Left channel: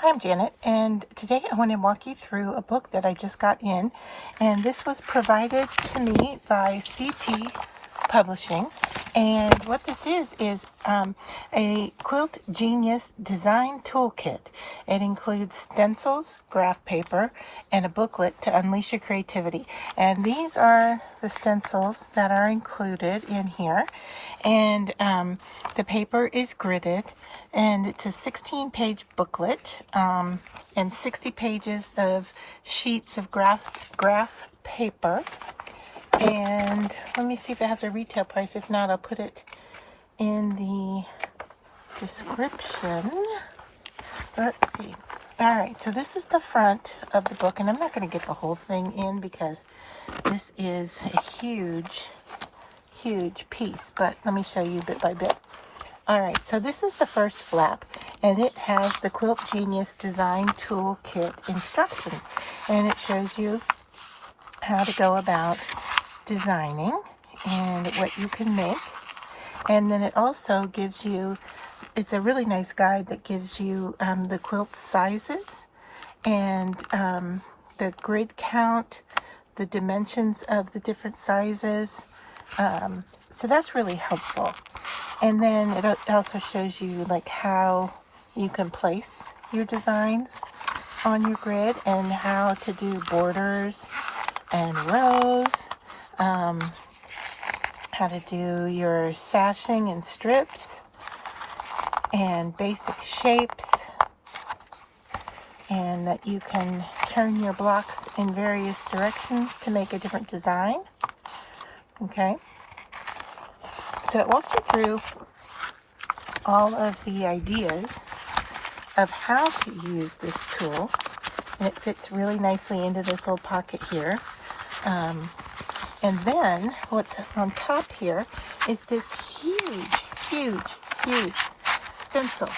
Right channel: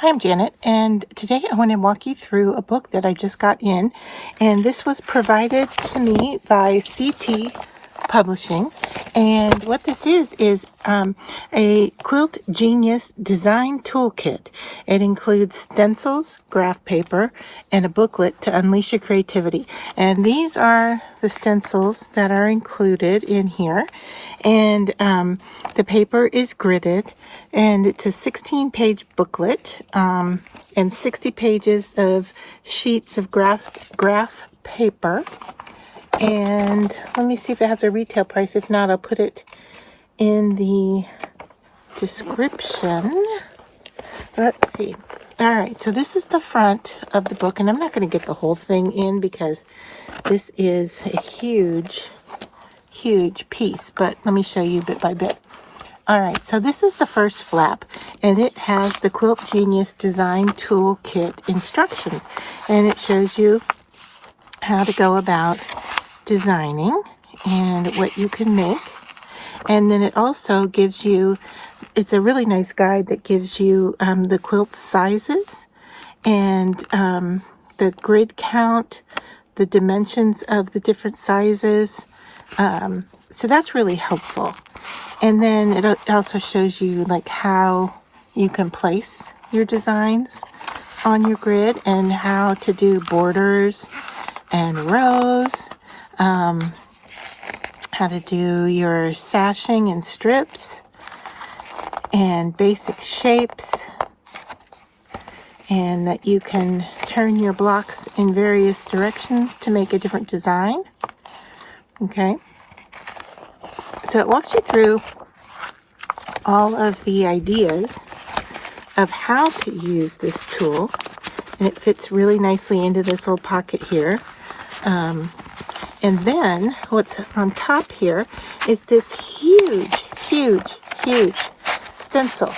Hi, I'm Janet, and today I want to walk you through a book that I just got in, and this was provided to me by C&T Publishing. And what this is a Quilt Genius design toolkit. It includes stencils, graph paper, and a booklet to unleash your creativity. And these are the stencils that are included in here. And the paper is gridded, and it's a 16-page booklet and 60 pages of sheets of graph paper. And let me see if it has a retail price. If not, I'll put it in the description. Let's see. All right, so this is the front of the book, and I'm not going to get the whole thing in because this is a huge piece, but let me show you bit by bit. All right, so this is the first flap, and it has the Quilt Genius Design Toolkit instructions, and it shows you how to go about designing and what you can make. And then it also gives you, it's a really nice guide that gives you the quilt sizes and the grid count, the dimensions of the different sizes. So that's really helpful. And then it also shows you like how you can place your designs on your grid and how to do borders and rows, how to do your sashing and strips and basic shapes, and that you can turn your blocks in various directions to make a different design. Okay, so it walks you through all of the ideas of how to use this tool, and it fits really nicely into this little pocket here. And then what's on top here is this huge stencil.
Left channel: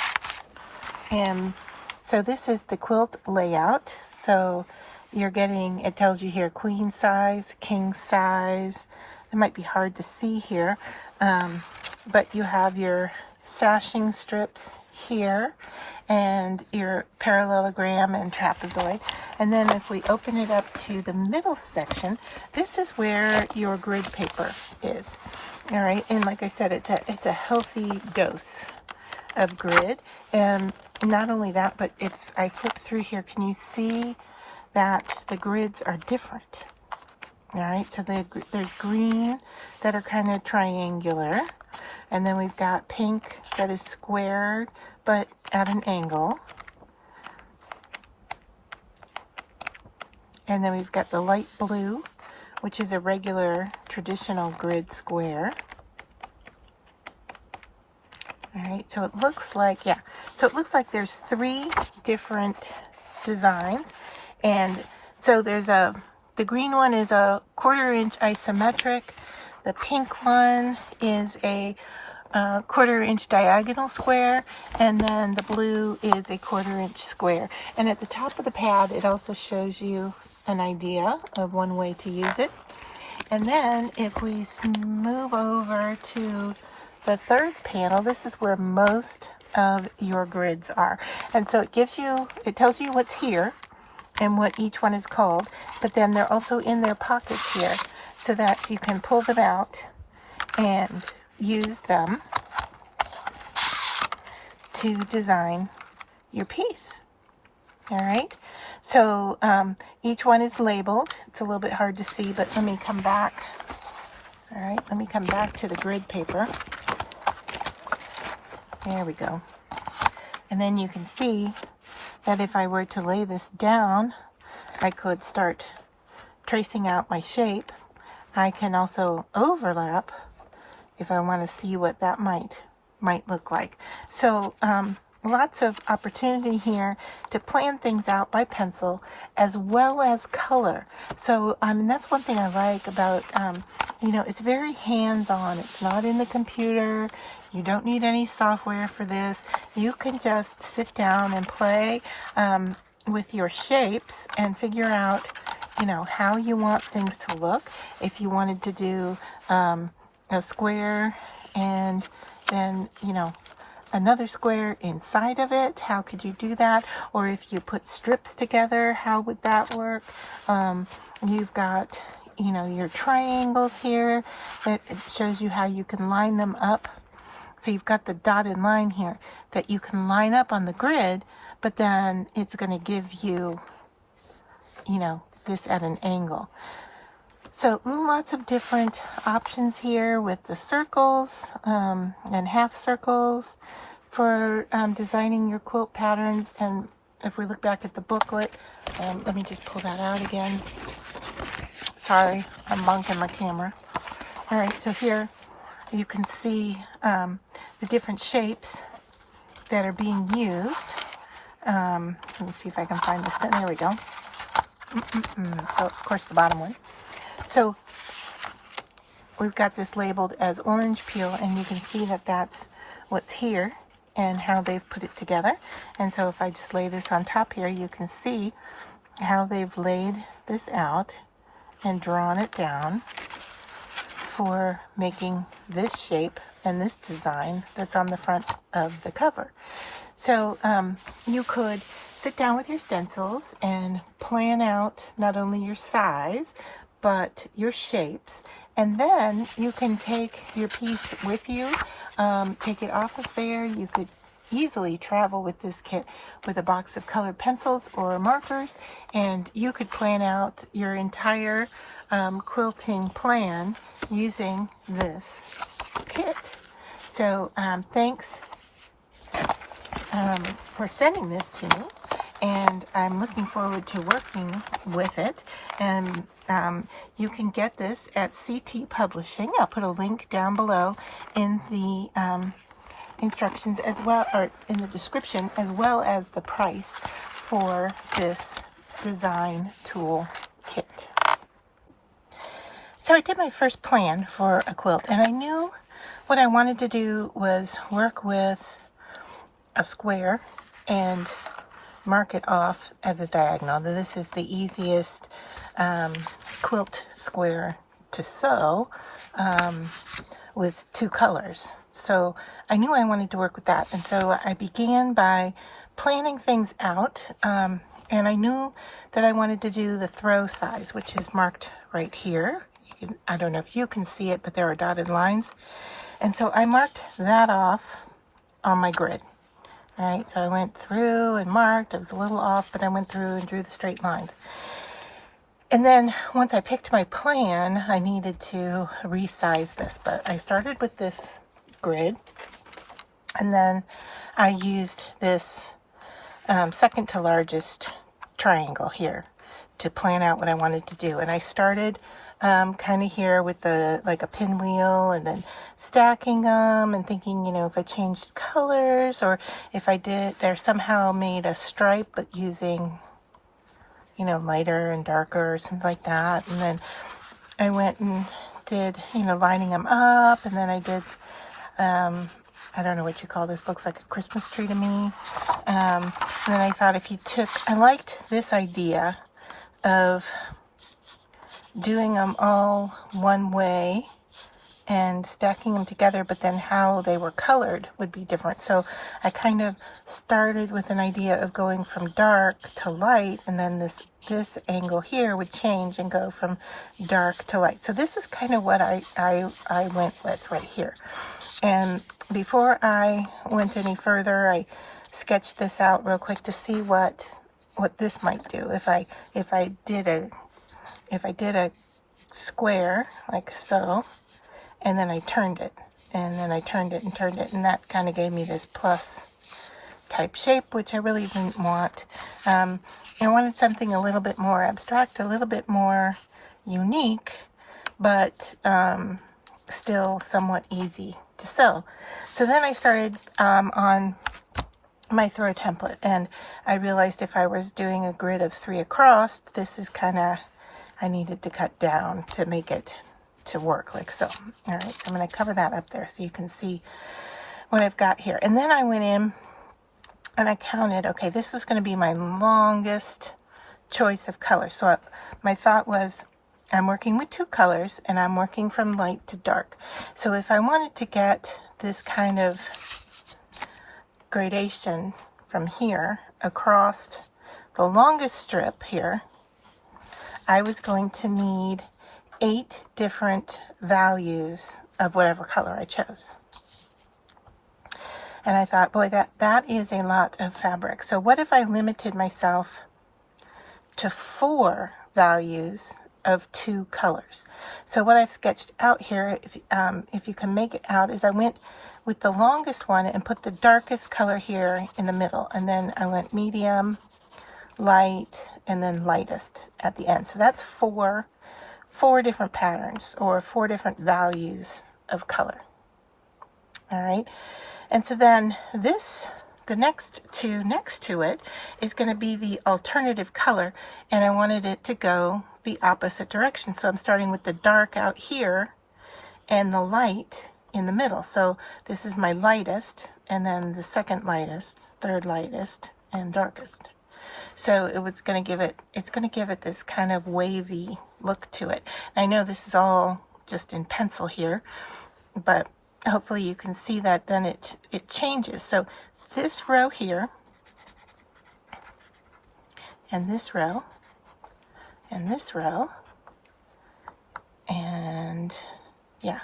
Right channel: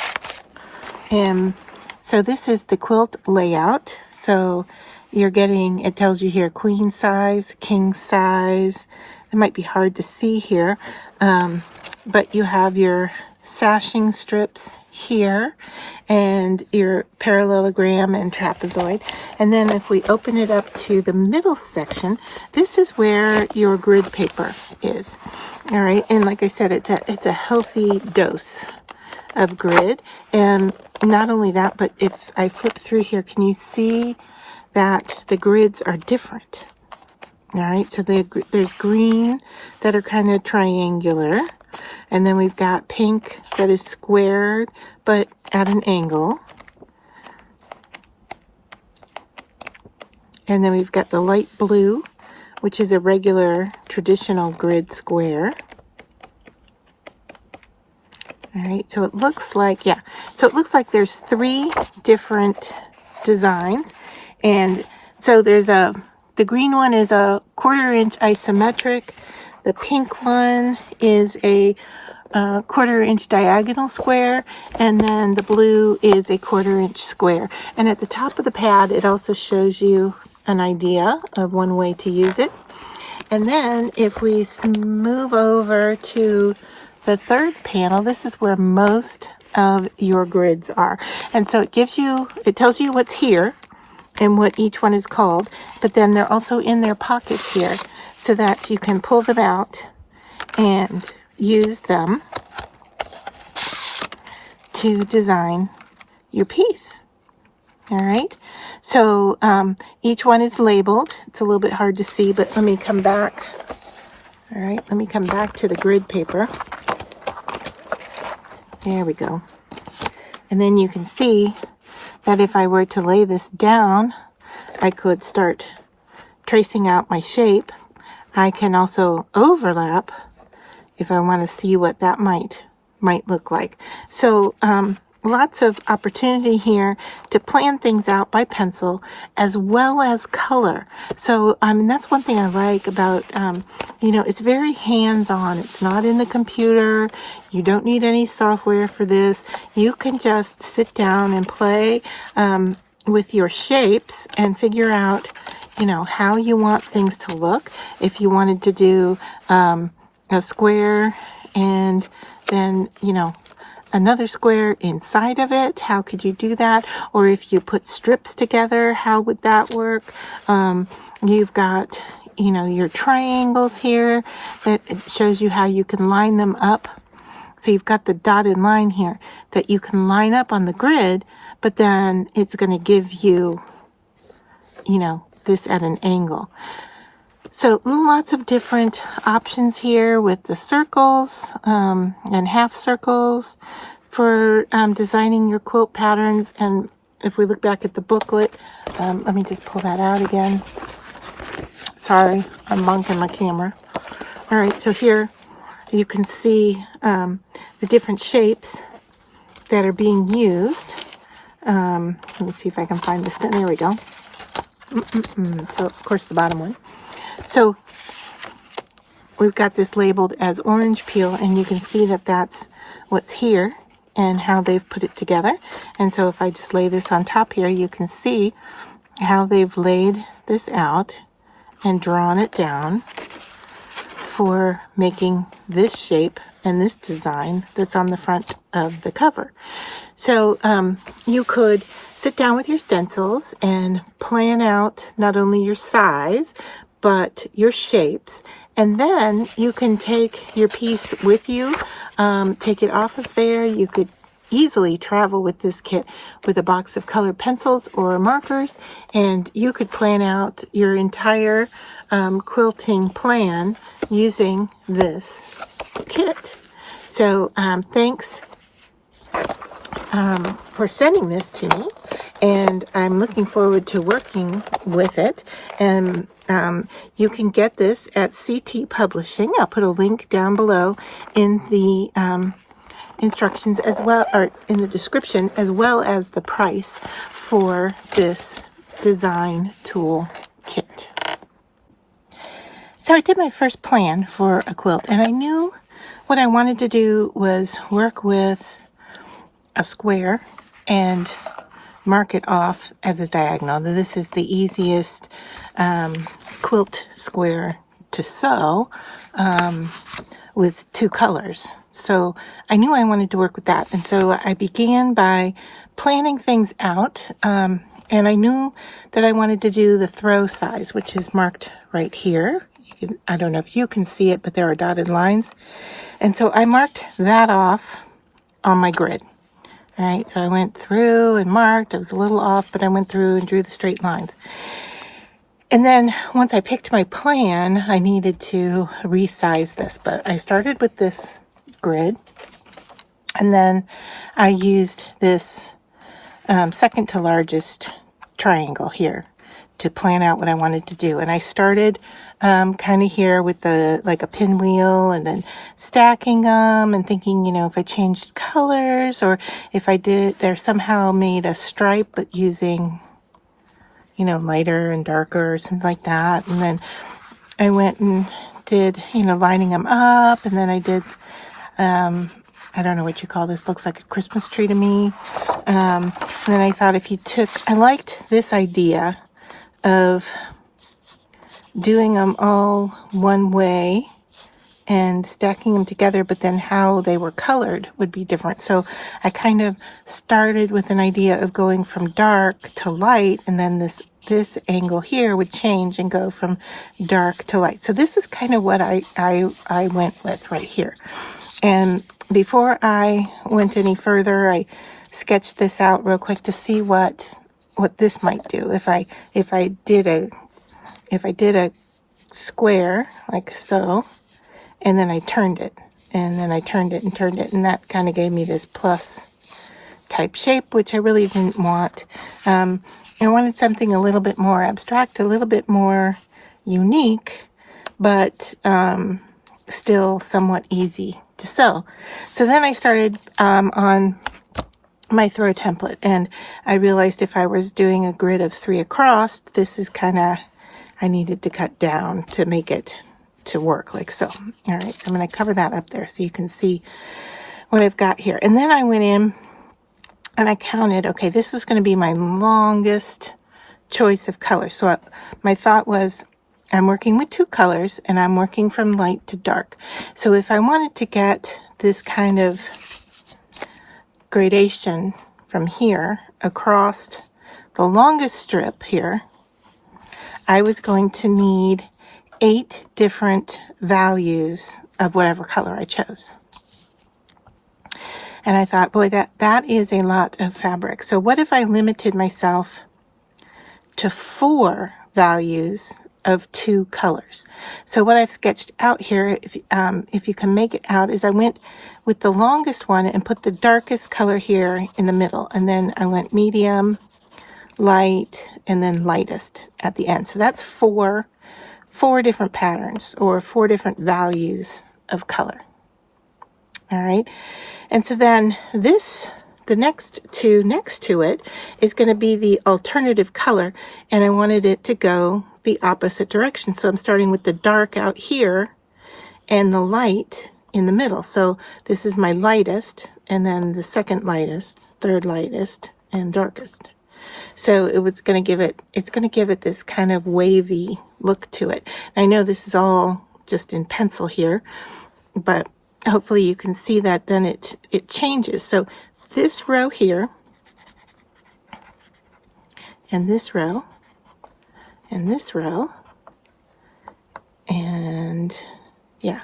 And so this is the quilt layout. So you're getting, it tells you here, queen size, king size. It might be hard to see here, but you have your sashing strips here and your parallelogram and trapezoid. And then if we open it up to the middle section, this is where your grid paper is. All right, and like I said, it's a healthy dose of grid. And not only that, but if I flip through here, can you see that the grids are different? All right, so there's green that are kind of triangular, and then we've got pink that is squared but at an angle, and then we've got the light blue, which is a regular traditional grid square. All right, so it looks like, yeah, so it looks like there's 3 different designs. And so there's the green one is a 1/4 inch isometric. The pink one is a 1/4 inch diagonal square, and then the blue is a 1/4 inch square. And at the top of the pad, it also shows you an idea of one way to use it. And then if we move over to the third panel, this is where most of your grids are. And so it tells you what's here and what each one is called, but then they're also in their pockets here so that you can pull them out and use them to design your piece. All right, so each one is labeled. It's a little bit hard to see, but let me come back. All right, let me come back to the grid paper. There we go. And then you can see that if I were to lay this down, I could start tracing out my shape. I can also overlap if I want to see what that might look like. So lots of opportunity here to plan things out by pencil as well as color. So that's one thing I like about, it's very hands-on. It's not in the computer. You don't need any software for this. You can just sit down and play with your shapes and figure out, how you want things to look. If you wanted to do a square and then, another square inside of it, how could you do that? Or if you put strips together, how would that work? You've got, you know, your triangles here that it shows you how you can line them up. So you've got the dotted line here that you can line up on the grid, but then it's going to give you, you know, this at an angle. So lots of different options here with the circles and half circles for designing your quilt patterns. And if we look back at the booklet, let me just pull that out again. Sorry, I'm bonking my camera. All right, so here you can see the different shapes that are being used. Let me see if I can find this. There we go. So, of course, the bottom one. So we've got this labeled as orange peel, and you can see that that's what's here and how they've put it together. And so if I just lay this on top here, you can see how they've laid this out and drawn it down for making this shape and this design that's on the front of the cover. So you could sit down with your stencils and plan out not only your size, but your shapes, and then you can take your piece with you, take it off of there. You could easily travel with this kit with a box of colored pencils or markers, and you could plan out your entire quilting plan using this kit. So thanks for sending this to me, and I'm looking forward to working with it. And you can get this at C&T Publishing. I'll put a link down below in the instructions as well, or in the description, as well as the price for this design tool kit. So I did my first plan for a quilt, and I knew what I wanted to do was work with a square and mark it off as a diagonal. This is the easiest quilt square to sew with two colors. So I knew I wanted to work with that. And so I began by planning things out. And I knew that I wanted to do the throw size, which is marked right here. I don't know if you can see it, but there are dotted lines. And so I marked that off on my grid. All right, so I went through and marked. I was a little off, but I went through and drew the straight lines. And then once I picked my plan, I needed to resize this. But I started with this grid, and then I used this second to largest triangle here to plan out what I wanted to do. And I started kind of here with like a pinwheel, and then stacking them and thinking, you know, if I changed colors, or if I did there somehow made a stripe but using, you know, lighter and darker or something like that. And then I went and did, you know, lining them up, and then I did I don't know what you call this, looks like a Christmas tree to me. And then I thought, if you took, I liked this idea of doing them all one way and stacking them together, but then how they were colored would be different. So I kind of started with an idea of going from dark to light, and then this angle here would change and go from dark to light. So this is kind of what I went with right here. And before I went any further, I sketched this out real quick to see what this might do if I did a square like so, and then I turned it, and then I turned it and turned it, and that kind of gave me this plus type shape, which I really didn't want. I wanted something a little bit more abstract, a little bit more unique, but still somewhat easy to sew. So then I started on my throw template, and I realized if I was doing a grid of 3 across, this is kind of, I needed to cut down to make it to work like so. All right, I'm going to cover that up there so you can see what I've got here. And then I went in and I counted, okay, this was going to be my longest choice of color. So my thought was, I'm working with 2 colors, and I'm working from light to dark. So if I wanted to get this kind of gradation from here across the longest strip here, I was going to need 8 different values of whatever color I chose. And I thought, boy, that is a lot of fabric. So what if I limited myself to 4 values of 2 colors? So what I've sketched out here, if you can make it out, is I went with the longest one and put the darkest color here in the middle. And then I went medium, light, and then lightest at the end. So that's four different patterns, or 4 different values of color. All right. And so then the next 2 next to it is going to be the alternative color, and I wanted it to go the opposite direction. So I'm starting with the dark out here and the light in the middle. So this is my lightest, and then the second lightest, third lightest, and darkest. So it's going to give it this kind of wavy look to it. I know this is all just in pencil here, but hopefully you can see that then it changes. So this row here, and this row, and this row, and yeah,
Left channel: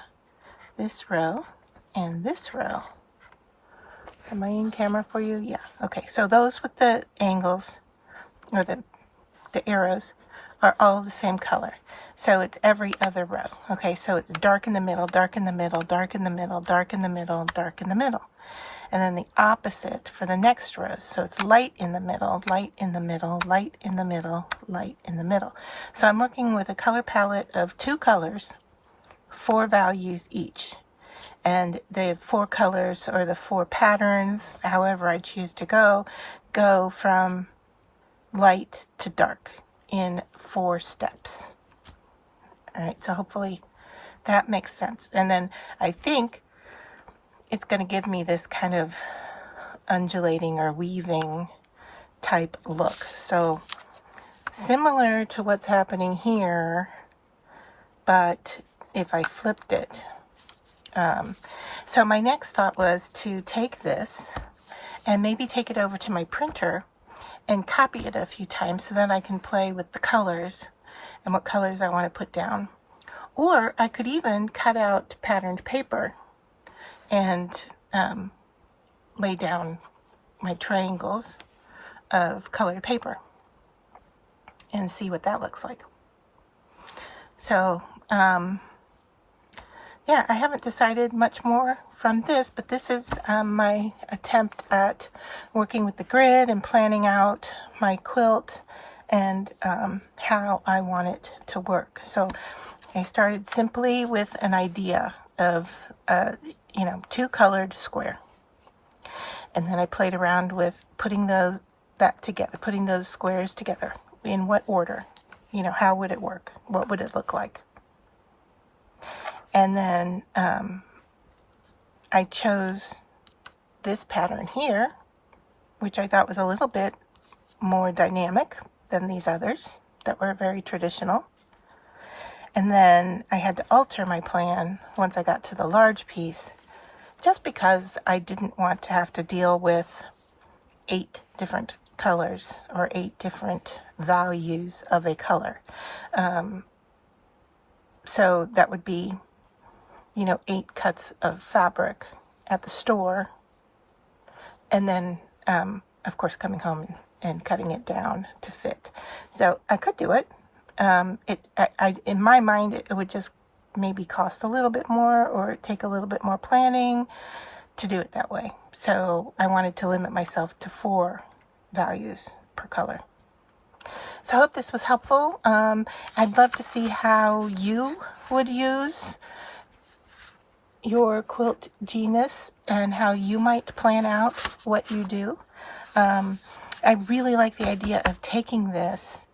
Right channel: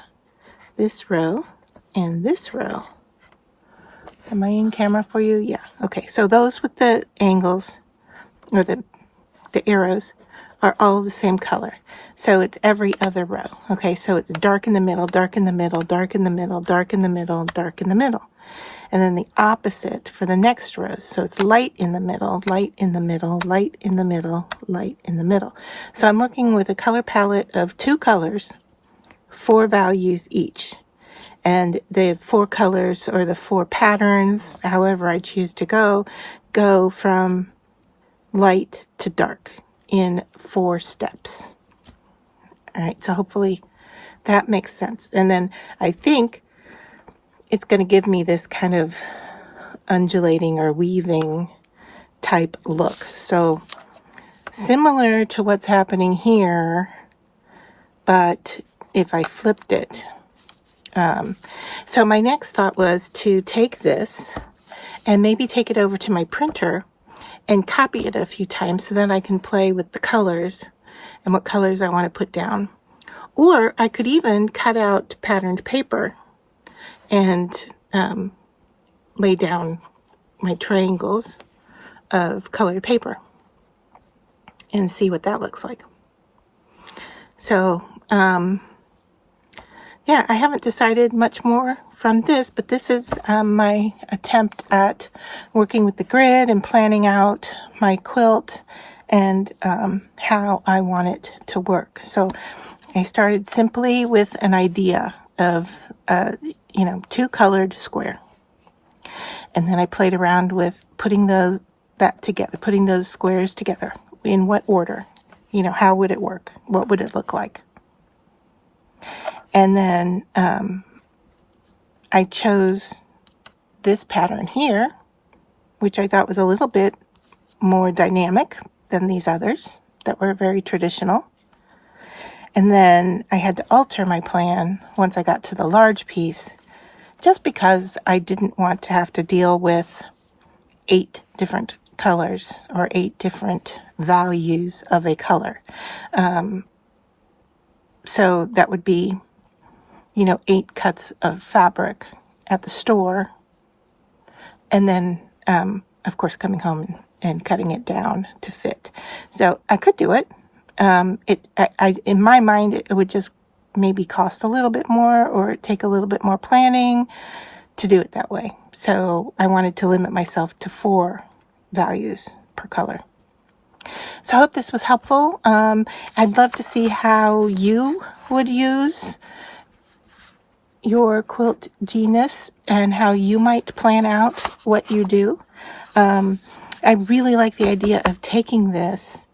this row, and this row. Am I in camera for you? Yeah. Okay, so those with the angles, or the arrows, are all the same color. So it's every other row. Okay, so it's dark in the middle, dark in the middle, dark in the middle, dark in the middle, dark in the middle. And then the opposite for the next row. So it's light in the middle, light in the middle, light in the middle, light in the middle. So I'm working with a color palette of 2 colors, 4 values each. And the 4 colors, or the 4 patterns, however I choose to go from light to dark in 4 steps. All right, so hopefully that makes sense. And then I think it's going to give me this kind of undulating or weaving type look. So similar to what's happening here, but if I flipped it. So my next thought was to take this and maybe take it over to my printer and copy it a few times, so then I can play with the colors and what colors I want to put down. Or I could even cut out patterned paper and lay down my triangles of colored paper and see what that looks like. So yeah, I haven't decided much more from this, but this is my attempt at working with the grid and planning out my quilt and how I want it to work. So I started simply with an idea of 2 colored square, and then I played around with putting those squares together. In what order? How would it work? What would it look like? And then I chose this pattern here, which I thought was a little bit more dynamic than these others that were very traditional. And then I had to alter my plan once I got to the large piece, just because I didn't want to have to deal with 8 different colors or 8 different values of a color. So that would be 8 cuts of fabric at the store, and then of course coming home and cutting it down to fit. So I could do it. In my mind, it would just maybe cost a little bit more, or take a little bit more planning to do it that way. So I wanted to limit myself to 4 values per color. So I hope this was helpful. I'd love to see how you would use your Quilt Genius and how you might plan out what you do. I really like the idea of taking this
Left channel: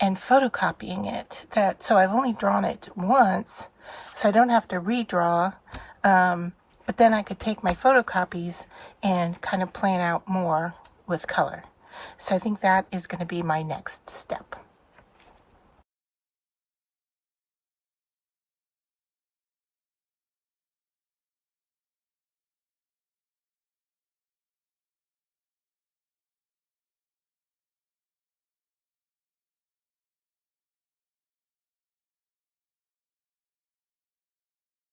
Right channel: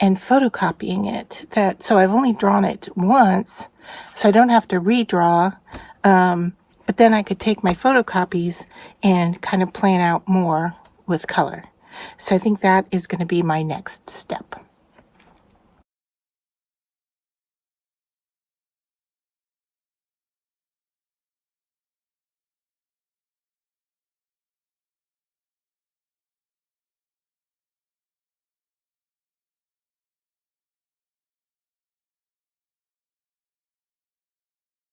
and photocopying it. So I've only drawn it once, so I don't have to redraw. But then I could take my photocopies and kind of plan out more with color. So I think that is going to be my next step.